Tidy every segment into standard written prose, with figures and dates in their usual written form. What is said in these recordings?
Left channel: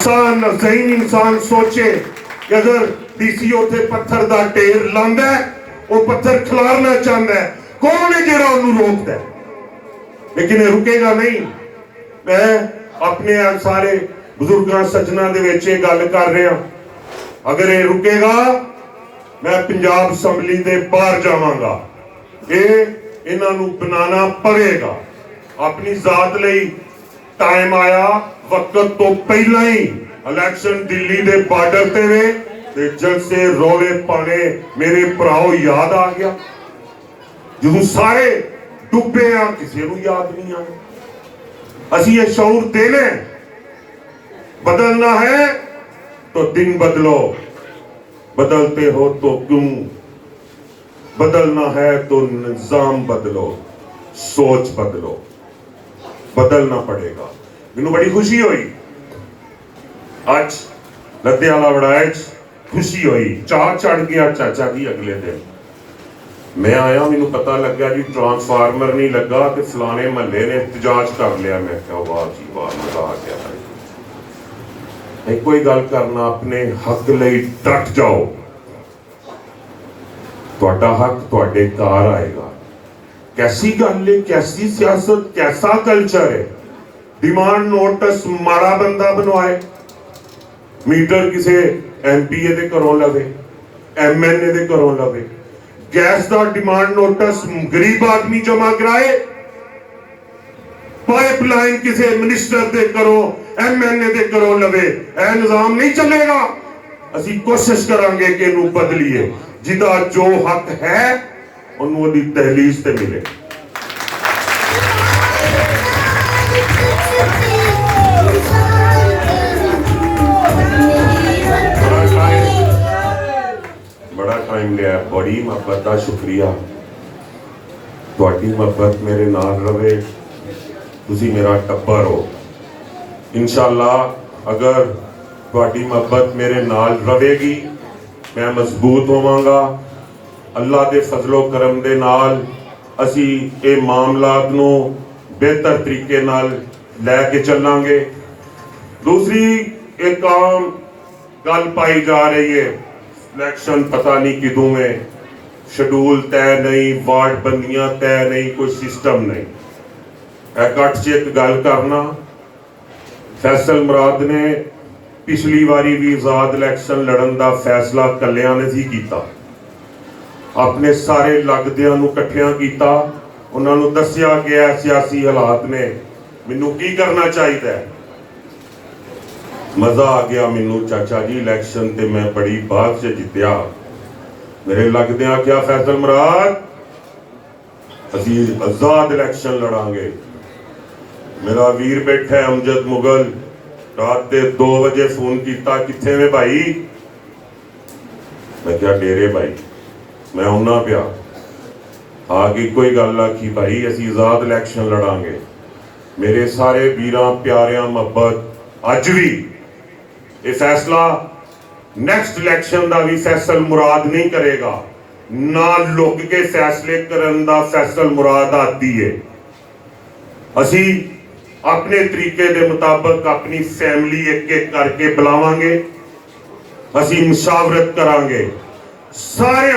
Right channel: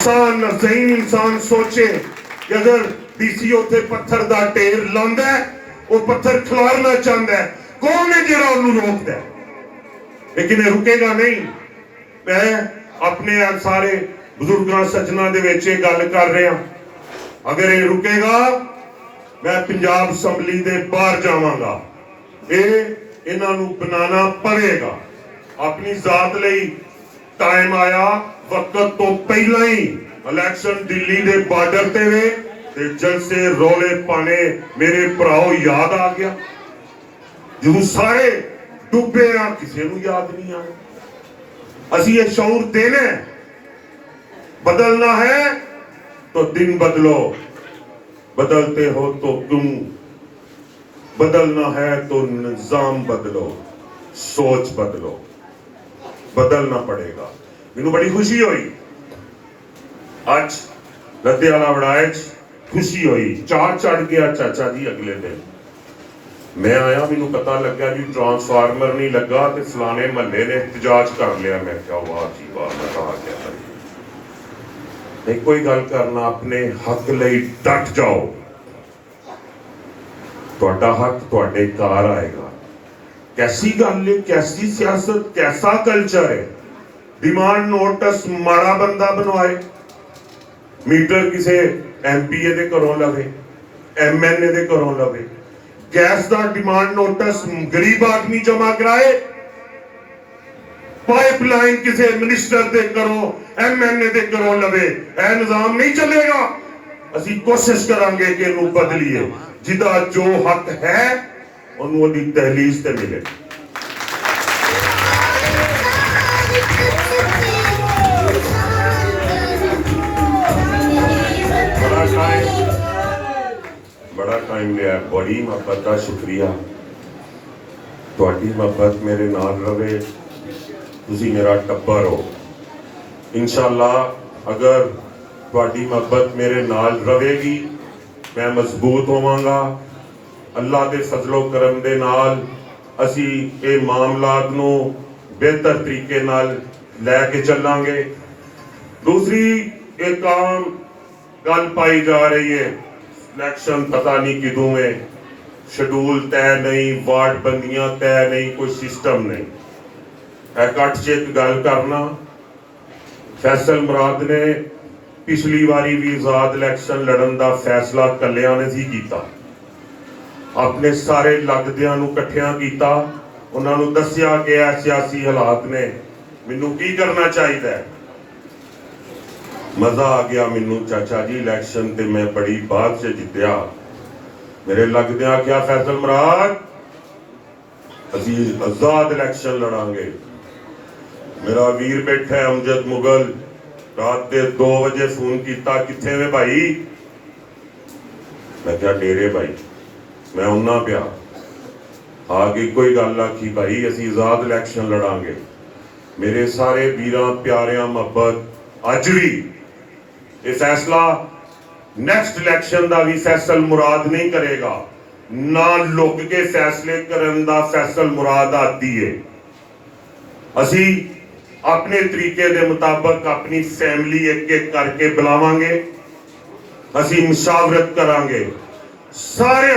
इंसान ज़हीन इंसान सोचे कि अगर डीसी उत्थे पत्थर दा ढेर लांदा है, वो पत्थर खिलारना चाहता है, कौन है जिहड़ा उन्हें रोकता है? लेकिन ये रुकेगा नहीं। मैं अपने सारे बुजुर्गों सज्जनों दे विच गल कर रहा, अगर ये रुकेगा मैं पंजाब असैम्बली दे बाहर जावांगा। ये इन्हां नूं बनाना पड़ेगा। अपनी जात लई टाइम आया, वक्त तो पहला ही इलेक्शन दिल्ली दे बार्डर ते वे ते जलसे रौले पाने मेरे भराओ याद आ गया। जो सारे डुबे आ, किसी नूं याद नहीं आया। असी ये शऊर देना, बदलना है तो दिन बदलो, बदलते हो तो क्यों, बदलना है तो निजाम बदलो, सोच बदलो, बदलना पड़ेगा। मैनू बड़ी खुशी हुई आज लद्याला वड़ाए खुशी हुई, चाह चढ़ गया चाचा जी। अगले दिन मैं आया, मैनू पता लगा जी ट्रांसफार्मर नहीं लगा तो फलाने महल्ले ने एहतजाज कर लिया। मैं क्या वाह जी वाह, मजा आ गया। कोई गल करना, अपने हक लई डट जाओ, तुहाडा हक तुहाडे घर आएगा। कैसी गल है, कैसी सियासत, कैसा कल्चर है? डिमांड नोटिस माड़ा बंदा बनवाए, मीटर किसी MP दे घरों लवे, MNA दे घरों लवे, गैस का डिमांड नोटिस गरीब आदमी जमा कराए, पाइपलाइन किसी मिनिस्टर दे घरों MNA दे घरों लवे। यह निजाम नहीं चलेगा। असी कोशिश करांगे कि इनू बदलीए, जिदा जो हक है उन्होंने तहलीज ते मिले। बड़ा टाइम लिया, बड़ी मोहब्बत का शुक्रिया। तुहाडी मोहब्बत मेरे नाल रवे, तुसी मेरा टब्बर हो। इंशाअल्लाह अगर तुहाडी मोहब्बत मेरे नाल रवेगी, मैं मजबूत होवांगा। अल्लाह के फजलो करम दे नाल असी ये मामलात नूं बेहतर तरीके नाल लैके चलांगे। दूसरी एक आम गल पाई जा रही है, इलेक्शन पता नहीं किदों में, शेड्यूल तय नहीं, वार्ड बंदियां तय नहीं, कोई सिस्टम नहीं। कट च एक गल करना, फैसल मुराद ने पिछली बारी भी आजाद इलेक्शन लड़न का फैसला कलियां ने ही किया। अपने सारे लगदियां नूं इकट्ठियां कीता, उन्हां नूं दस्सिया गया सियासी हालात ने मैनू की करना चाहिए। मजा आ गया मैनू चाचा जी, इलेक्शन ते मैं बड़ी बात से जितया। मेरे लगदियां क्या फैसल मुराद, असी आजाद इलेक्शन लड़ांगे। मेरा वीर बैठा है अमजद मुगल, रात के 2 बजे फोन किया, किथे में भाई? मैं क्या डेरे भाई, मैं आना पिया। आगे कोई गल आखी भाई असी आजाद इलेक्शन लड़ांगे। मेरे सारे वीरां प्यारियां मोहब्बत अज भी ये फैसला नेक्स्ट इलेक्शन का भी फैसल मुराद नहीं करेगा, ना लुक के फैसले करन दा फैसल मुराद आती है। असी अपने तरीके के मुताबिक अपनी फैमिली एक एक करके बुलावांगे, असी मुशावरत करांगे। सारे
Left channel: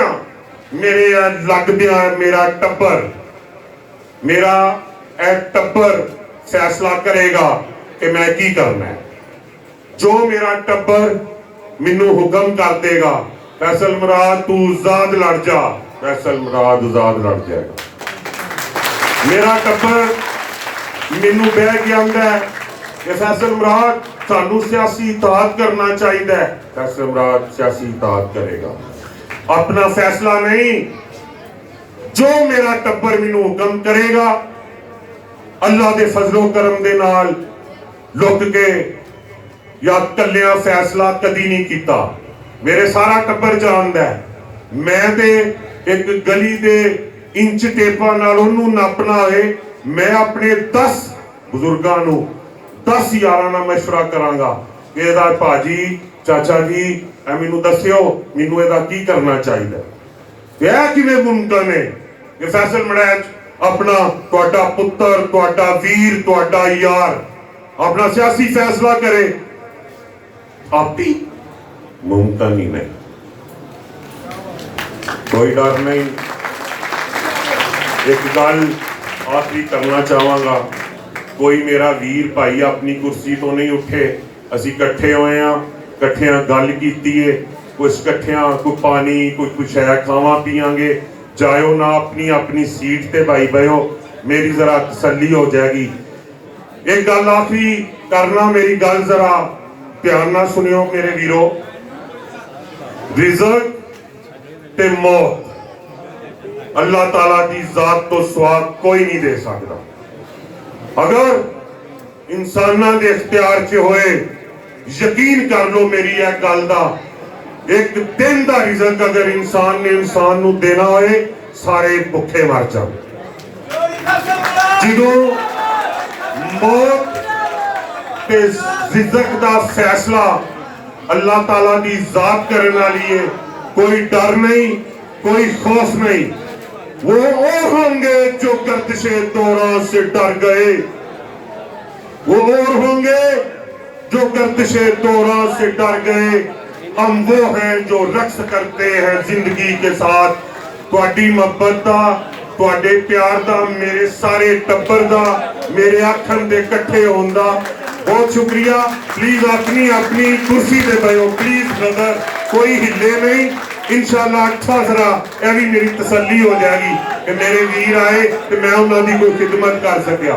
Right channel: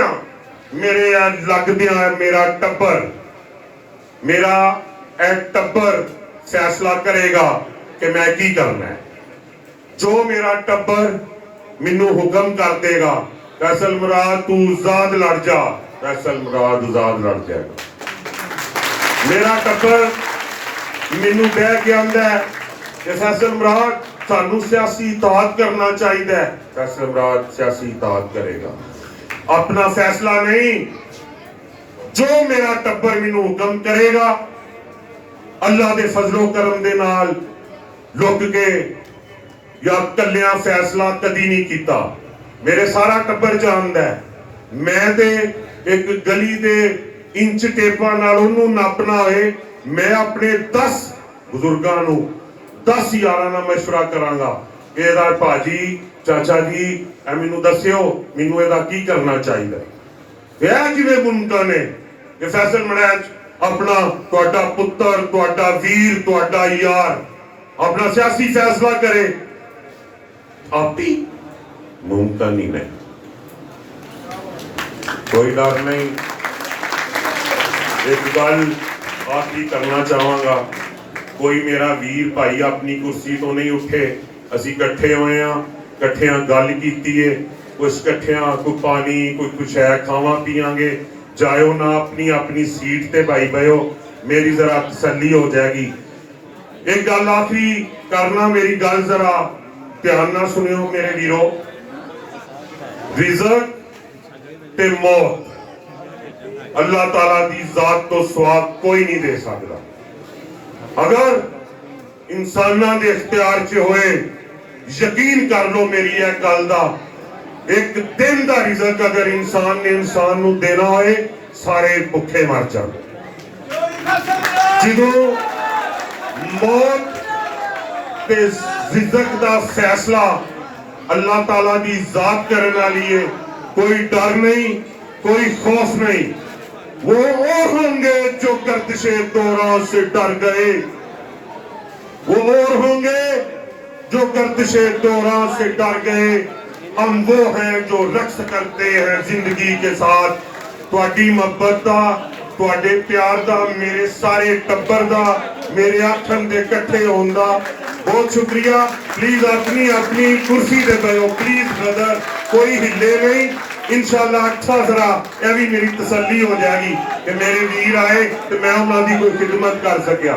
मेरे लगदियां मेरा टब्बर, मेरा टब्बर फैसला करेगा कि मैं की करना है। जो मेरा टब्बर मैनू हुक्म कर देगा, फैसल मुराद तू आजाद लड़ जा, फैसल मुराद आजाद लड़ जाएगा। मेरा टब्बर मैनू बह के आंदा है कि फैसल मुराद सानू सियासी इताअत करना चाहिए, फैसल मुराद सियासी इताअत करेगा। अपना फैसला नहीं, जो मेरा टब्बर मैनू हुक्म करेगा, अल्लाह के फजलो करम दे नाल लुक के या कलिया फैसला कदी नहीं किया। मेरे सारा टब्बर जानदा है, मैं ते एक गली दे इंच टेपा नाल ओनू नापना है। मैं अपने 10 बुजुर्गों नूं 10 यारां नाल मशवरा करांगा कि इहदा भाजी चाचा जी मैनू दस्सिओ, मैनू इहदा की करना चाहिए। यह किवें मुमकिन है कि फैसल मुराद अपना तुहाडा पुत्र, तुहाडा वीर, तुहाडा यार अपना सियासी फैसला करे? आपी मुमतानी नहीं, कोई डर नहीं। एक गल आखिरी करना चाहांगा, कोई मेरा वीर भाई अपनी कुर्सी तो नहीं उठे, असी इकट्ठे होए हैं, इकट्ठियां गल कीती है, कुछ इकट्ठियां कोई पानी कोई कुछ है खावा पियांगे, जायो ना अपनी अपनी सीट ते भाई बहो, मेरी जरा तसल्ली हो जाएगी। एक गल आखिरी करना, मेरी गल जरा ध्यान ना सुनियो मेरे वीरो, रिज़्क ते मौत अल्लाह ताला की जात तो स्वाद कोई नहीं दे सकता। अगर इंसाना के इख्तियार च होए, यकीन कर लो मेरी यह गल का, एक दिन का रिज़्क अगर इंसान ने इंसान नू देना होए, सारे भुखे मर जाए। जो मौत ते रिज़्क का फैसला अल्लाह ताला की जात करने वाली है, कोई डर नहीं, कोई खौफ नहीं। वो होंगे जो गर्दिशे दौरान से डर गए, वो और होंगे जो गर्दिशे दौरान से डर गए। हम वो हैं जो रक्स करते हैं जिंदगी के साथ। तुहाडी मोहब्बत दा, तुहाडे प्यार दा, मेरे सारे टब्बर दा, मेरे आखन दे इकट्ठे होने दा बहुत शुक्रिया। प्लीज अपनी अपनी कुर्सी दे बैठो प्लीज ब्रदर, कोई हिले नहीं। इंशाल्लाह अच्छा जरा यह भी मेरी तसल्ली हो जाएगी कि मेरे वीर आए तो मैं उन्होंने कोई खिदमत कर सकिया।